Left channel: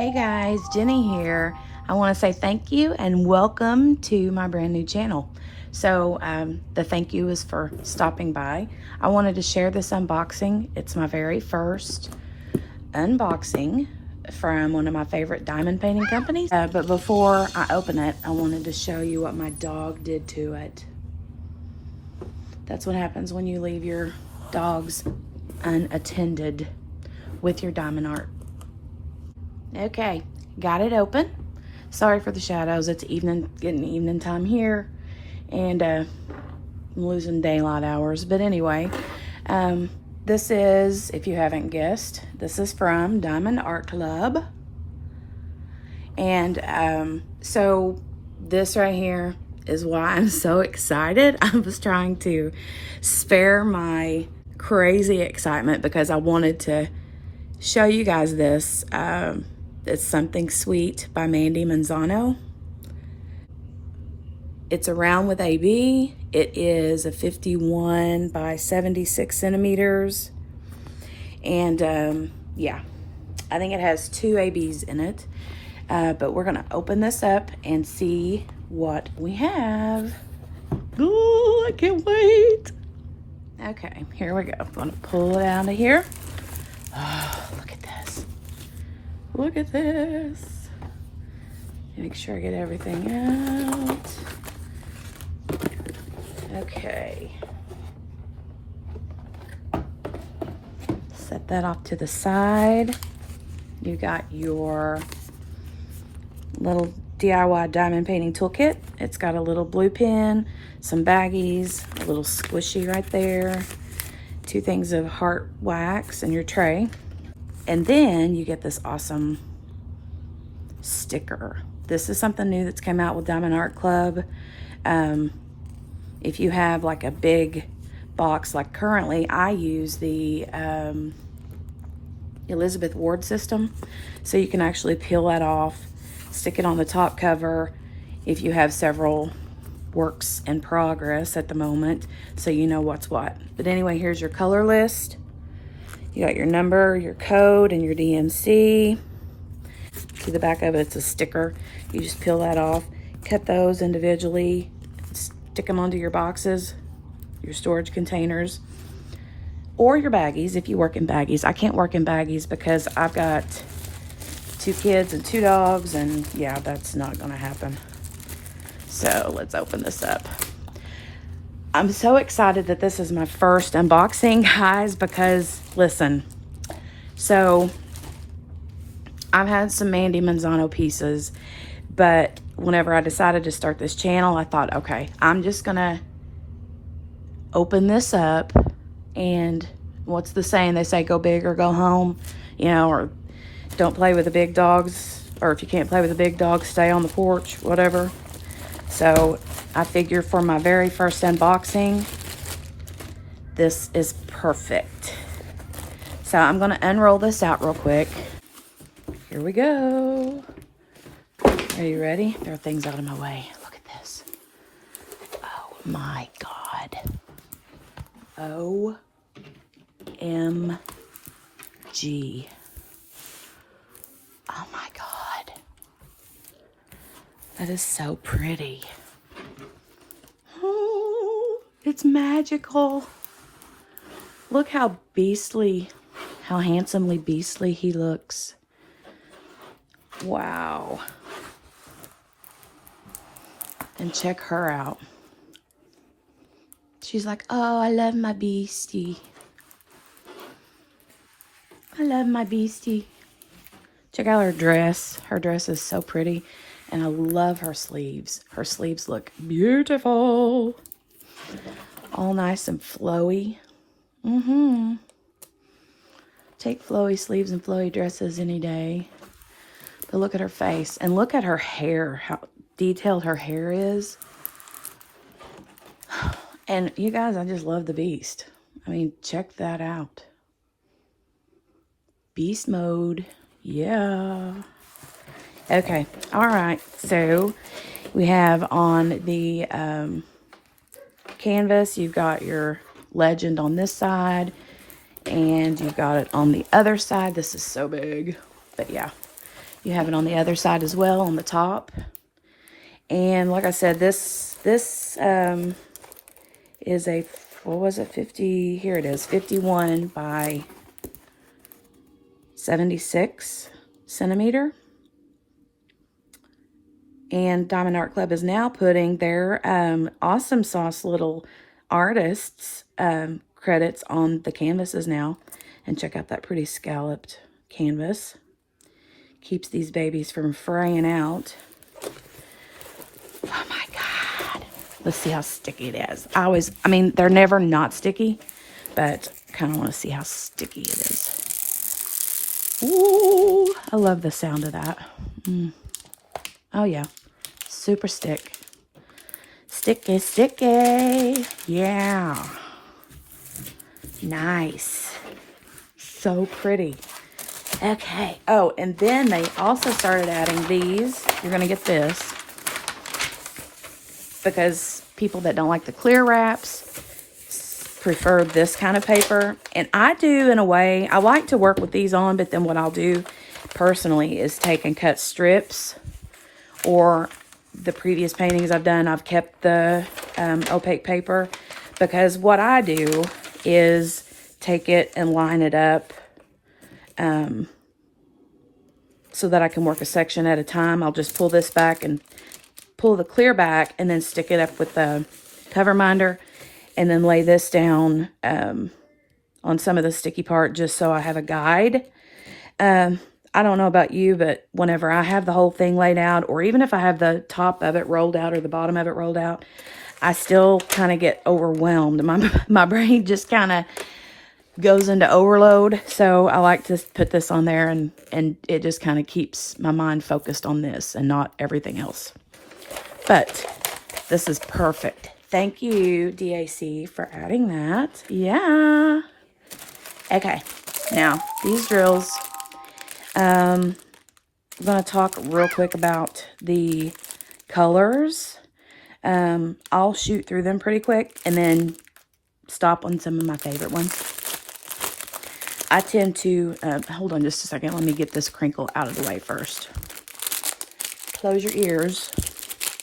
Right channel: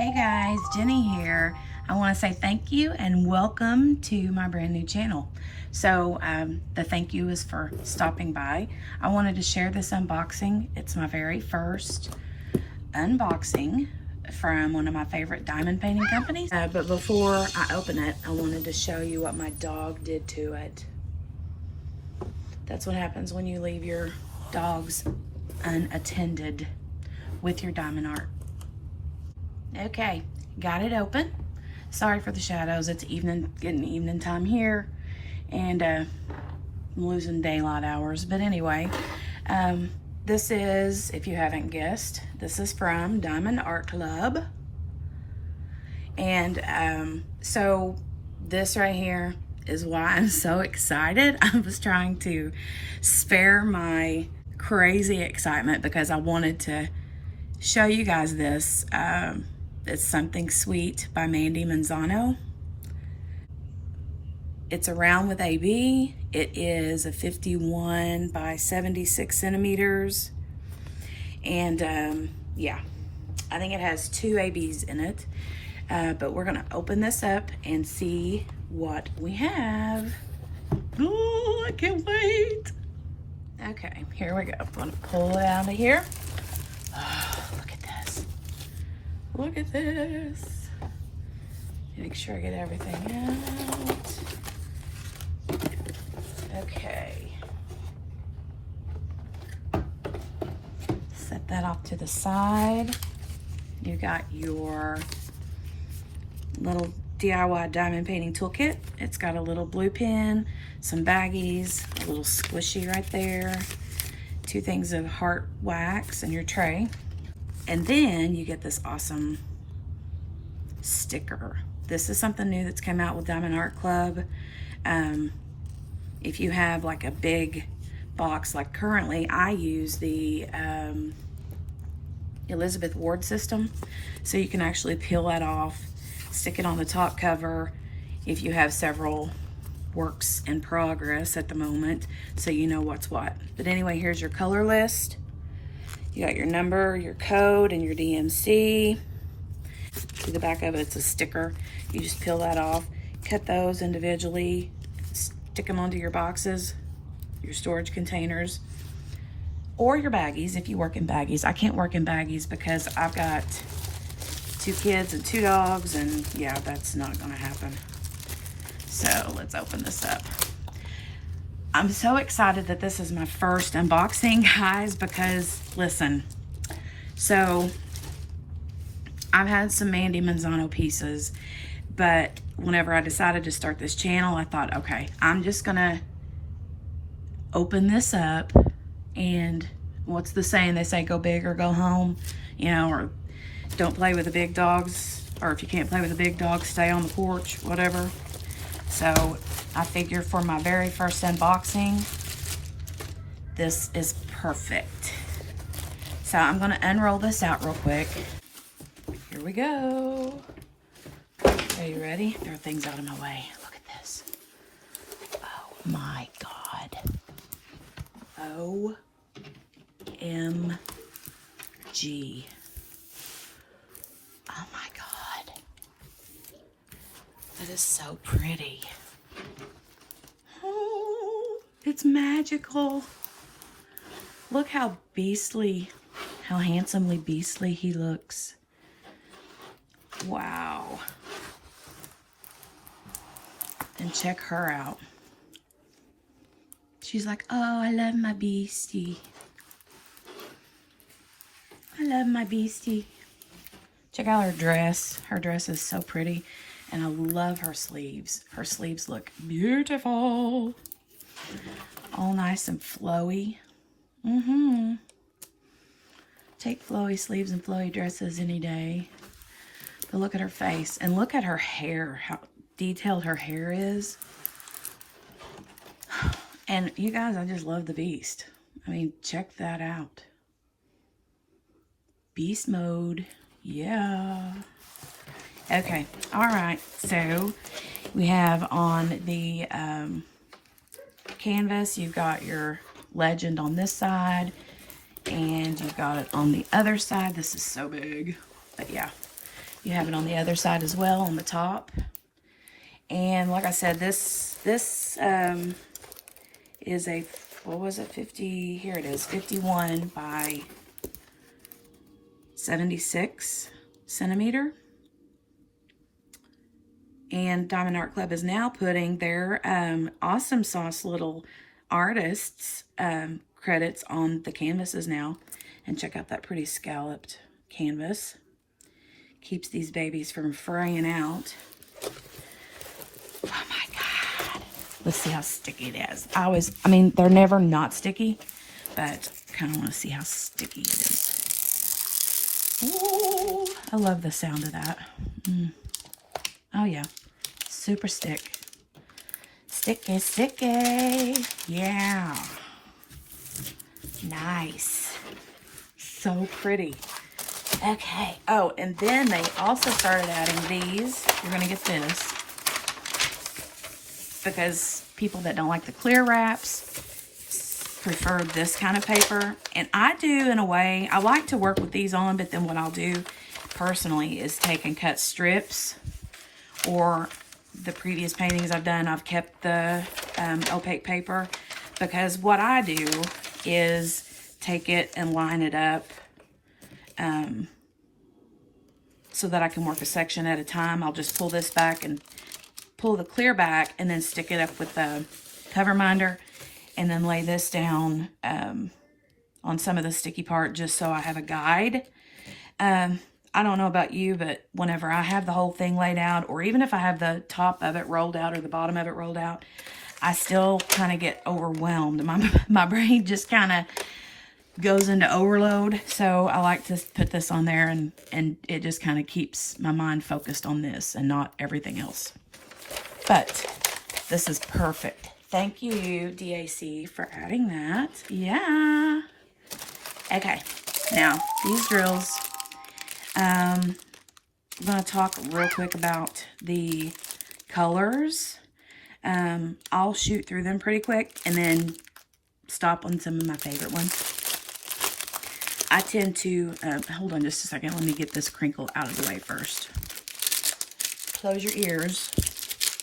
Hey guys, Jenny here. I want to say thank you and welcome to my brand new channel. So the thank you is for stopping by. I wanted to share this unboxing. It's my very first unboxing from one of my favorite diamond painting companies. But before I open it, I wanted to show you what my dog did to it. That's what happens when you leave your dogs unattended with your diamond art. Okay, got it open. Sorry for the shadows. It's getting evening time here, and I'm losing daylight hours. But anyway, this is, if you haven't guessed, this is from Diamond Art Club. And so this right here is why I'm so excited. I was trying to spare my crazy excitement because I wanted to show you guys this. It's Something Sweet by Mandie Manzano. It's a round with AB. It is a 51 by 76 centimeters. And yeah, I think it has 2 ABs in it. But we're gonna open this up and see what we have. Oh, I can't wait. Okay, here we go. I'm gonna pull it out of here. Look at this. Make sure I get everything out. Okay. Set that off to the side. You got your little DIY diamond painting toolkit. It's got a little blue pen, some baggies, a little squishy right there, 2 things of heart wax in your tray. And then you get this awesome sticker. This is something new that's come out with Diamond Art Club. If you have like a big box, like currently I use the Elizabeth Ward system. So you can actually peel that off, stick it on the top cover if you have several works in progress at the moment, so you know what's what. But anyway, here's your color list. You got your number, your code, and your DMC. To the back of it, it's a sticker. You just peel that off, cut those individually, stick them onto your boxes, your storage containers, or your baggies if you work in baggies. I can't work in baggies because I've got 2 kids and 2 dogs, and yeah, that's not gonna happen. So let's open this up. I'm so excited that this is my first unboxing, guys, because listen, so I've had some Mandie Manzano pieces, but whenever I decided to start this channel, I thought, okay, I'm just gonna open this up, and what's the saying? They say go big or go home, you know, or don't play with the big dogs, or if you can't play with the big dogs, stay on the porch, whatever. So I figure for my very first unboxing, this is perfect. So I'm gonna unroll this out real quick. Here we go. Are you ready? Throw things out of my way. Look at this. Oh my God. OMG. Oh my God. That is so pretty. Oh, it's magical. Look how beastly, how handsomely beastly he looks. Wow. And check her out. She's like, oh, I love my beastie. I love my beastie. Check out her dress. Her dress is so pretty. And I love her sleeves. Her sleeves look beautiful. All nice and flowy. Take flowy sleeves and flowy dresses any day. But look at her face. And look at her hair. How detailed her hair is. And you guys, I just love the beast. I mean, check that out. Beast mode. Yeah. Okay, all right, so we have on the canvas, you've got your legend on this side, and you've got it on the other side. This is so big, but yeah, You have it on the other side as well, on the top. And like I said, this is a, what was it, 50, here it is, 51 by 76 centimeter. And Diamond Art Club is now putting their Awesome Sauce little artists credits on the canvases now. And check out that pretty scalloped canvas. Keeps these babies from fraying out. Oh my God. Let's see how sticky it is. I mean, they're never not sticky, but kind of want to see how sticky it is. Ooh, I love the sound of that. Oh yeah, super stick. Sticky, sticky. Yeah. Nice. So pretty. Okay. Oh, and then they also started adding these. You're going to get this. Because people that don't like the clear wraps prefer this kind of paper. And I do, in a way. I like to work with these on, but then what I'll do personally is take and cut strips. Or the previous paintings I've done, I've kept the opaque paper. Because what I do is take it and line it up so that I can work a section at a time. I'll just pull this back and pull the clear back and then stick it up with the cover minder and then lay this down on some of the sticky part just so I have a guide. I don't know about you, but whenever I have the whole thing laid out, or even if I have the top of it rolled out or the bottom of it rolled out, I still kind of get overwhelmed. My brain just kind of goes into overload. So I like to put this on there and it just kind of keeps my mind focused on this and not everything else. But this is perfect. Thank you, DAC, for adding that. Yeah. Okay. Now, these drills, I'm going to talk real quick about the colors. I'll shoot through them pretty quick and then stop on some of my favorite ones. I tend to, hold on just a second. Let me get this crinkle out of the way first. Close your ears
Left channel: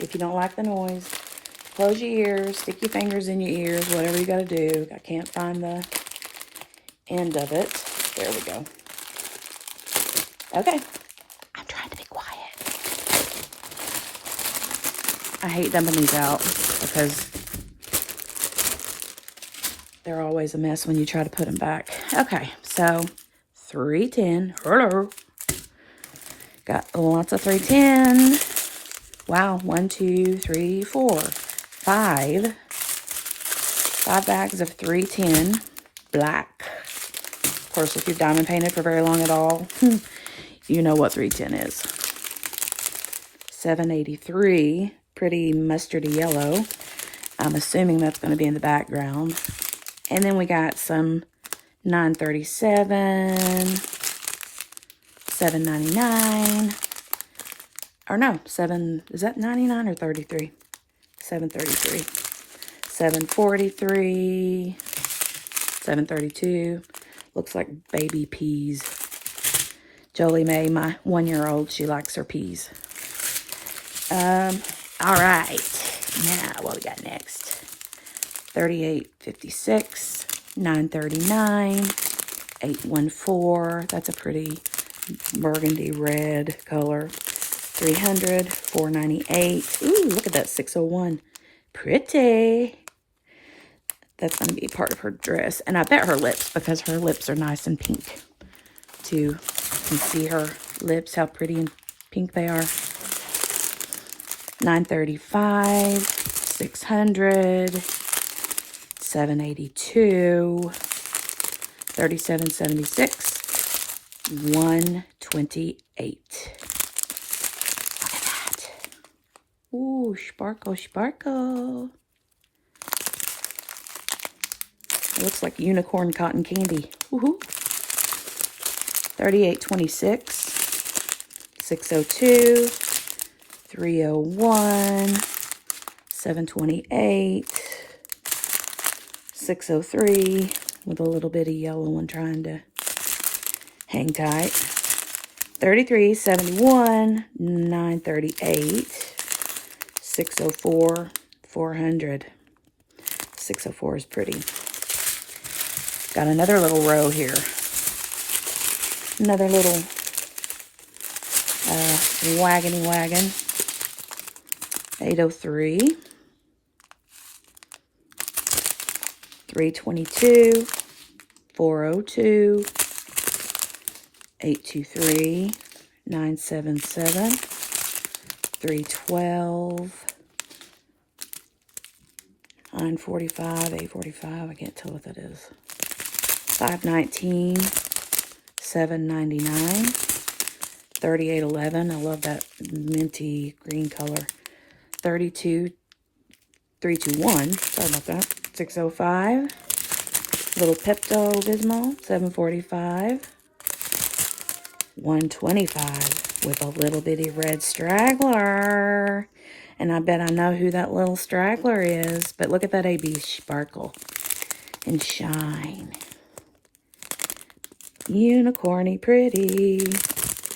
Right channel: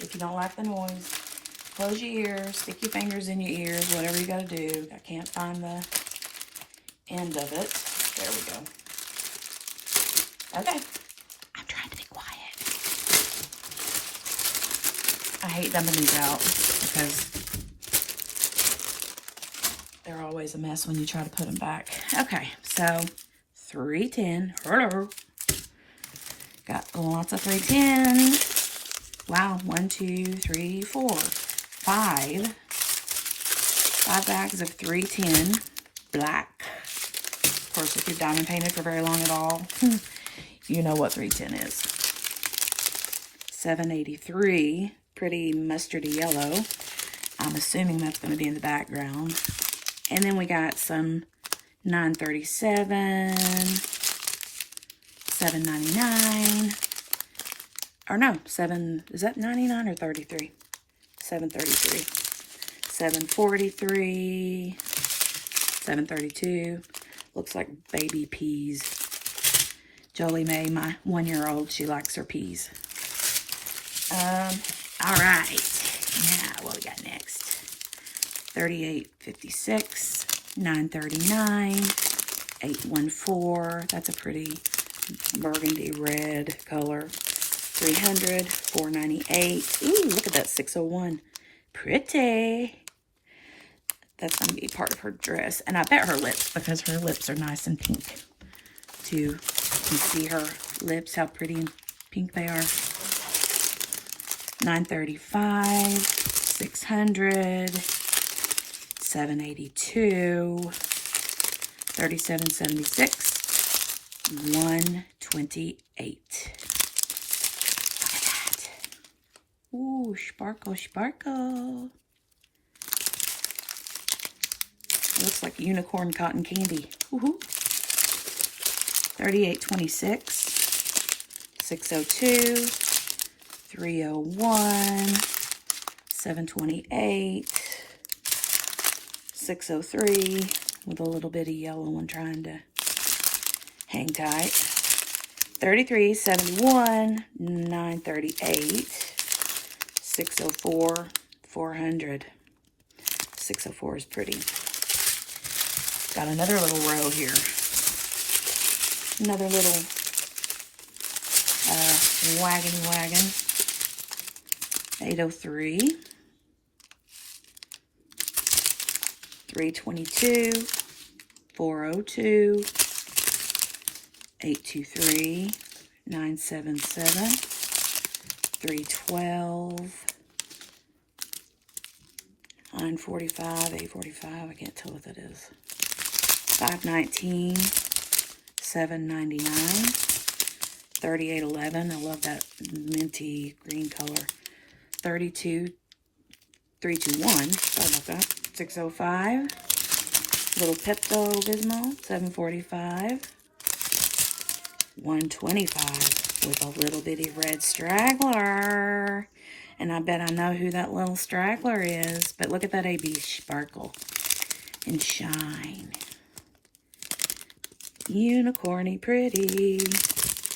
if you don't like the noise. Close your ears, stick your fingers in your ears, whatever you got to do. I can't find the end of it. There we go. Okay. I'm trying to be quiet. I hate dumping these out because they're always a mess when you try to put them back. Okay, so 310. Hello. Got lots of 310. Wow, 1, 2, 3, 4, 5. 5 bags of 310 black. Of course, if you've diamond painted for very long at all, you know what 310 is. 783, pretty mustardy yellow. I'm assuming that's going to be in the background. And then we got some 937, 799, or no, is that 99 or 33? 733, 743, 732. Looks like baby peas. Jolie Mae, my 1-year-old, she likes her peas. All right. Now, what we got next? 3856, 939, 814. That's a pretty burgundy red color. 300, 498. Ooh, look at that 601. Pretty. That's going to be part of her dress. And I bet her lips, because her lips are nice and pink, too. You can see her lips, how pretty and pink they are. 935, 600, 782, 3776, 128. Look at that. Ooh, sparkle, sparkle. It looks like unicorn cotton candy. Woohoo. 3826, 602, 301, 728, 603, with a little bit of yellow one trying to hang tight. $33.71, $9.38, $6.04, $400. 604 is pretty. Got another little row here. Another little wagony wagon. 803. 322. 402. 823. 977. 312. 945, 845, I can't tell what that is. 519, 799, 3811, I love that minty green color. 32, 321, sorry about that. 605, little Pepto-Bismol, 745, 125 with a little bitty red straggler. And I bet I know who that little straggler is. But look at that AB sparkle and shine. Unicorny pretty.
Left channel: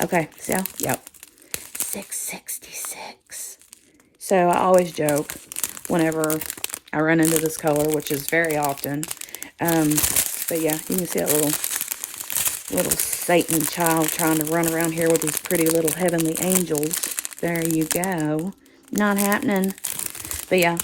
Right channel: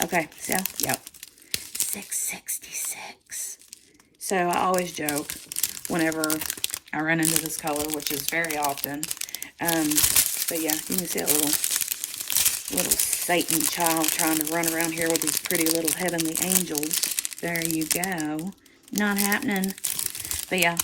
Okay, so, yep. 666. So I always joke whenever I run into this color, which is very often. But yeah, you can see that little Satan child trying to run around here with these pretty little heavenly angels. There you go. Not happening. But yeah,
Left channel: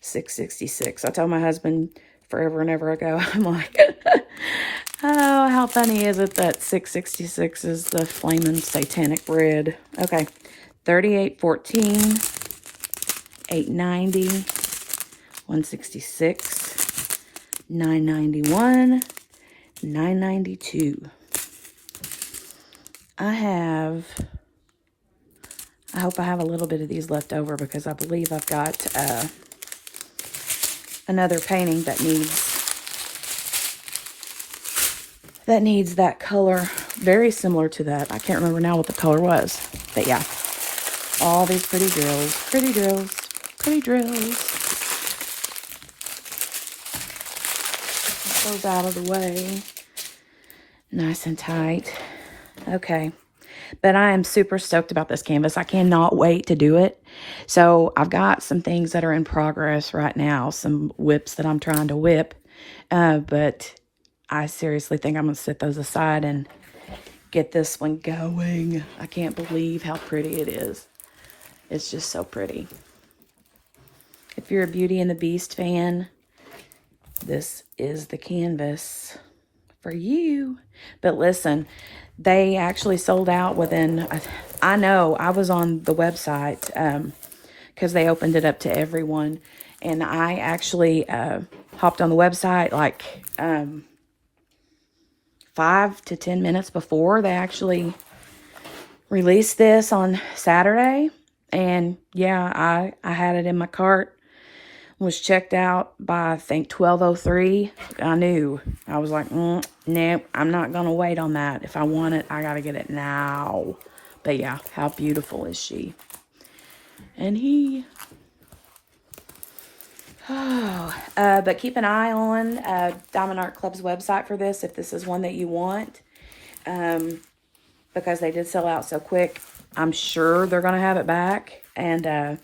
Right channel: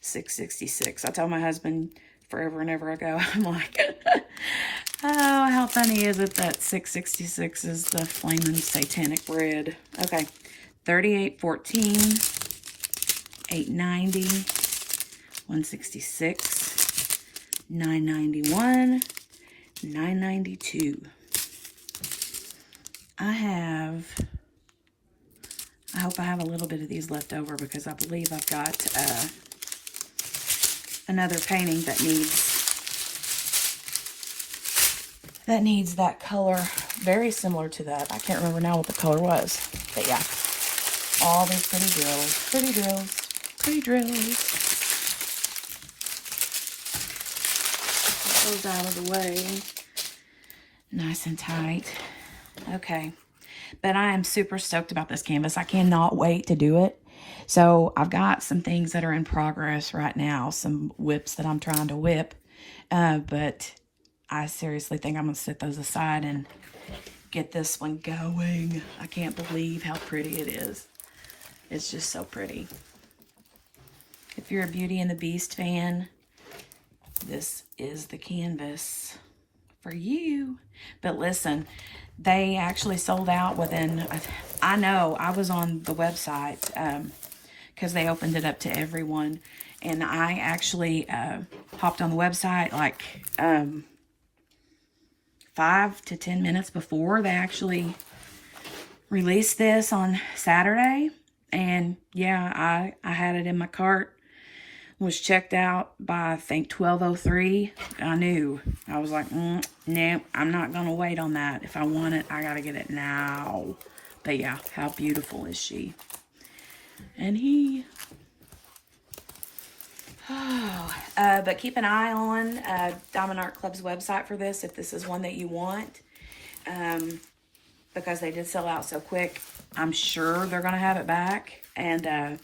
666. I told my husband forever and ever ago, I'm like, oh, how funny is it that 666 is the flaming satanic red? Okay, 3814, 890, 166, 991, 992. I hope I have a little bit of these left over because I believe I've got another painting that needs that color, very similar to that. I can't remember now what the color was, but yeah, all these pretty drills, pretty drills, pretty drills. Get those out of the way, nice and tight. Okay. But I am super stoked about this canvas. I cannot wait to do it. So I've got some things that are in progress right now. Some whips that I'm trying to whip. But I seriously think I'm going to set those aside and get this one going. I can't believe how pretty it is. It's just so pretty. If you're a Beauty and the Beast fan, this is the canvas for you. But listen, they actually sold out within, I know, I was on the website because they opened it up to everyone. And I actually hopped on the website like 5 to 10 minutes before they actually released this on Saturday. And yeah, I had it in my cart. Was checked out by, I think, 12:03. I knew. I was like, no, I'm not going to wait on that. If I want it, I got to get it now. But yeah, how beautiful is she? And he. Oh, but keep an eye on Diamond Art Club's website for this, if this is one that you want. Because they did sell out so quick. I'm sure they're going to have it back. And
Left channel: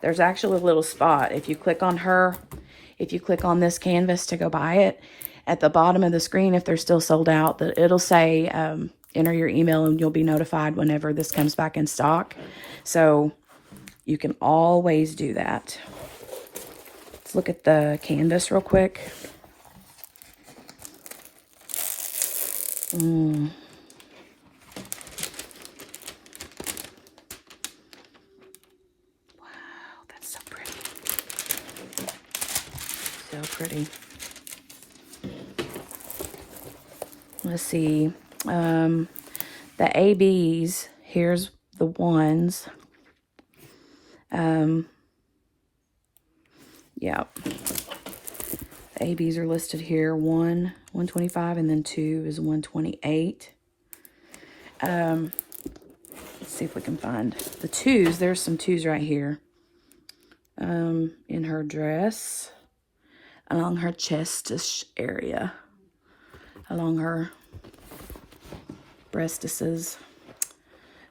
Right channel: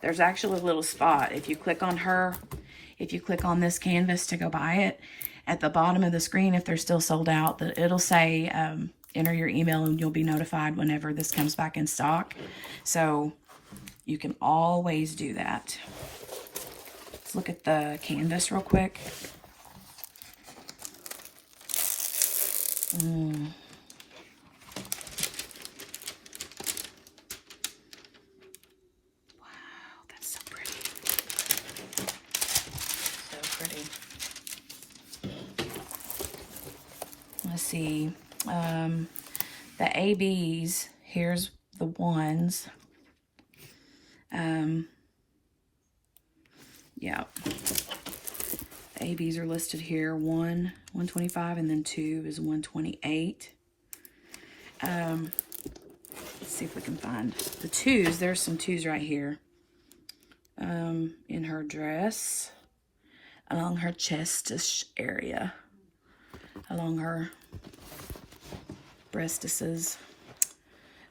there's actually a little spot. If you click on her, if you click on this canvas to go buy it, at the bottom of the screen, if they're still sold out, it'll say enter your email and you'll be notified whenever this comes back in stock. So you can always do that. Let's look at the canvas real quick. Pretty. Let's see. The ABs, here's the ones. Yeah. The ABs are listed here. 125, and then 2 is 128. Let's see if we can find the 2s. There's some 2s right here. In her dress. Along her chestish area, along her breastises.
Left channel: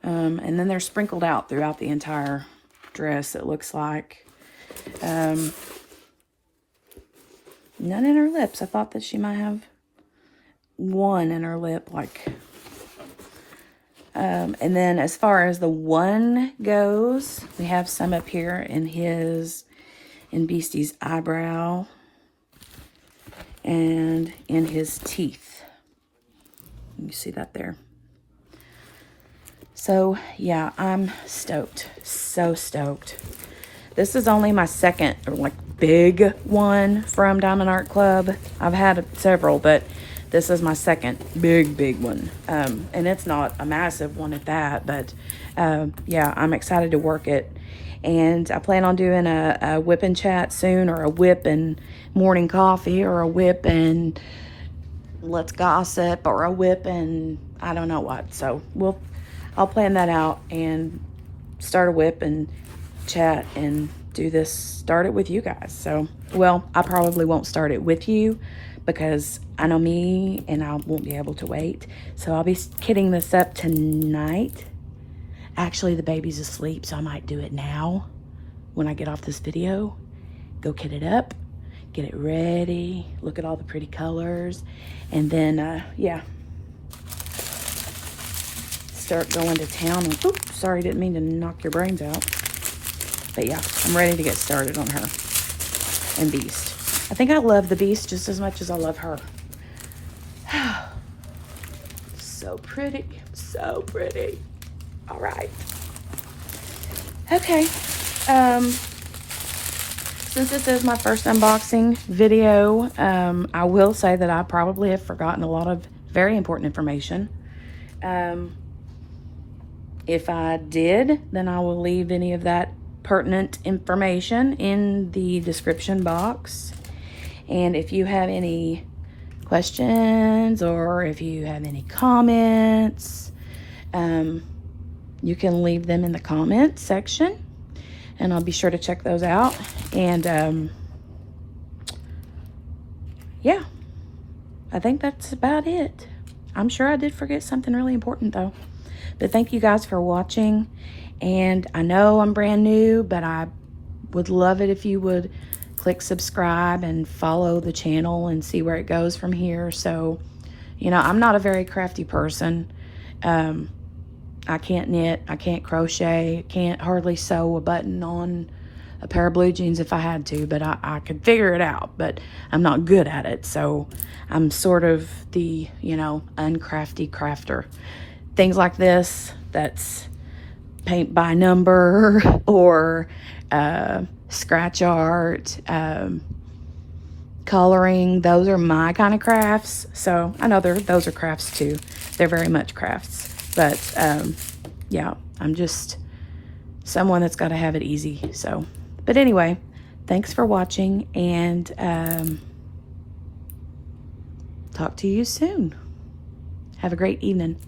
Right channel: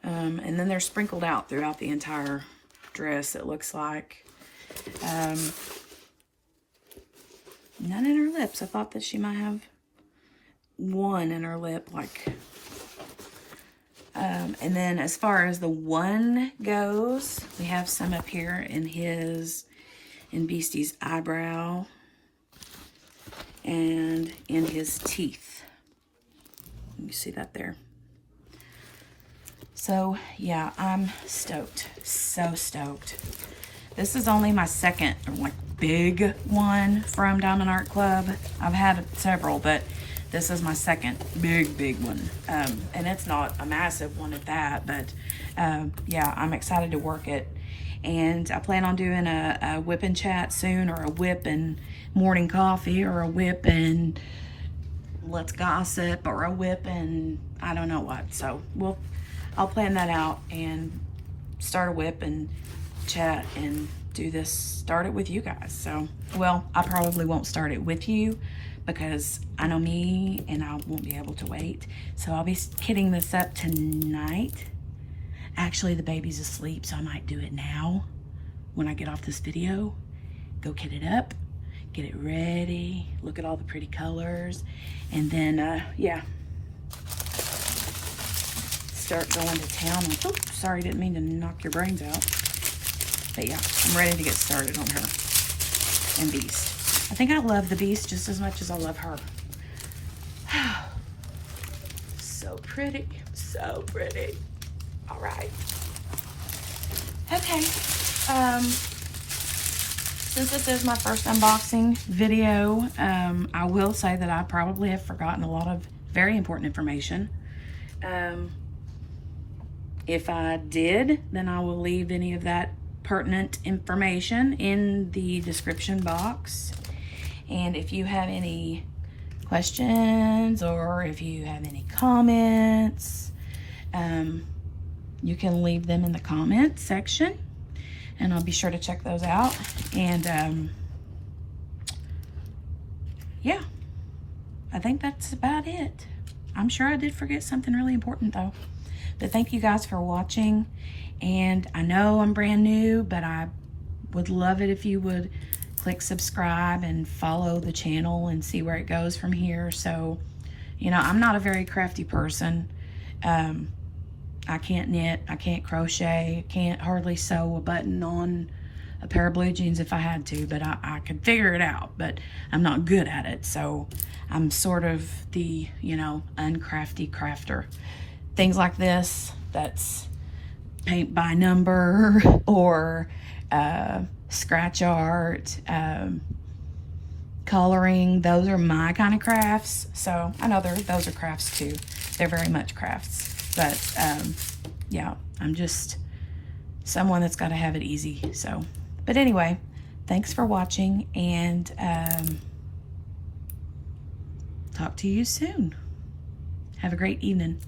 And then they're sprinkled out throughout the entire dress, it looks like. None in her lips. I thought that she might have one in her lip, like. And then as far as the one goes, we have some up here in Beastie's eyebrow and in his teeth. You see that there. So yeah, I'm stoked, so stoked. This is only my second like big one from Diamond Art Club. I've had several, but this is my second big one. And it's not a massive one at that, but yeah, I'm excited to work it. And I plan on doing a whip and chat soon, or a whip and morning coffee, or a whip and let's gossip, or a whip and I don't know what. So I'll plan that out and start a whip and chat and do this, start it with you guys. So, well, I probably won't start it with you because I know me and I won't be able to wait. So I'll be hitting this up tonight. Actually, the baby's asleep, so I might do it now when I get off this video. Go kit it up, get it ready, look at all the pretty colors, and then, yeah, start going to town. And, oops, sorry, didn't mean to knock your brains out. But yeah, I'm ready to get started on her and Beast. I think I love the Beast just as much as I love her. So pretty, so pretty. All right. Okay. Since this is my first unboxing video, I will say that I probably have forgotten a lot of very important information. If I did, then I will leave any of that pertinent information in the description box. And if you have any questions or if you have any comments, you can leave them in the comment section and I'll be sure to check those out. And yeah, I think that's about it. I'm sure I did forget something really important though. But thank you guys for watching. And I know I'm brand new, but I would love it if you would click subscribe and follow the channel and see where it goes from here. So, you know, I'm not a very crafty person. I can't knit, I can't crochet, can't hardly sew a button on a pair of blue jeans if I had to, but I could figure it out, but I'm not good at it. So I'm sort of the, you know, uncrafty crafter. Things like this, that's paint by number or scratch art, coloring, those are my kind of crafts. So I know those are crafts too. They're very much crafts. But yeah, I'm just someone that's got to have it easy. So, but anyway, thanks for watching, and talk to you soon. Have a great evening.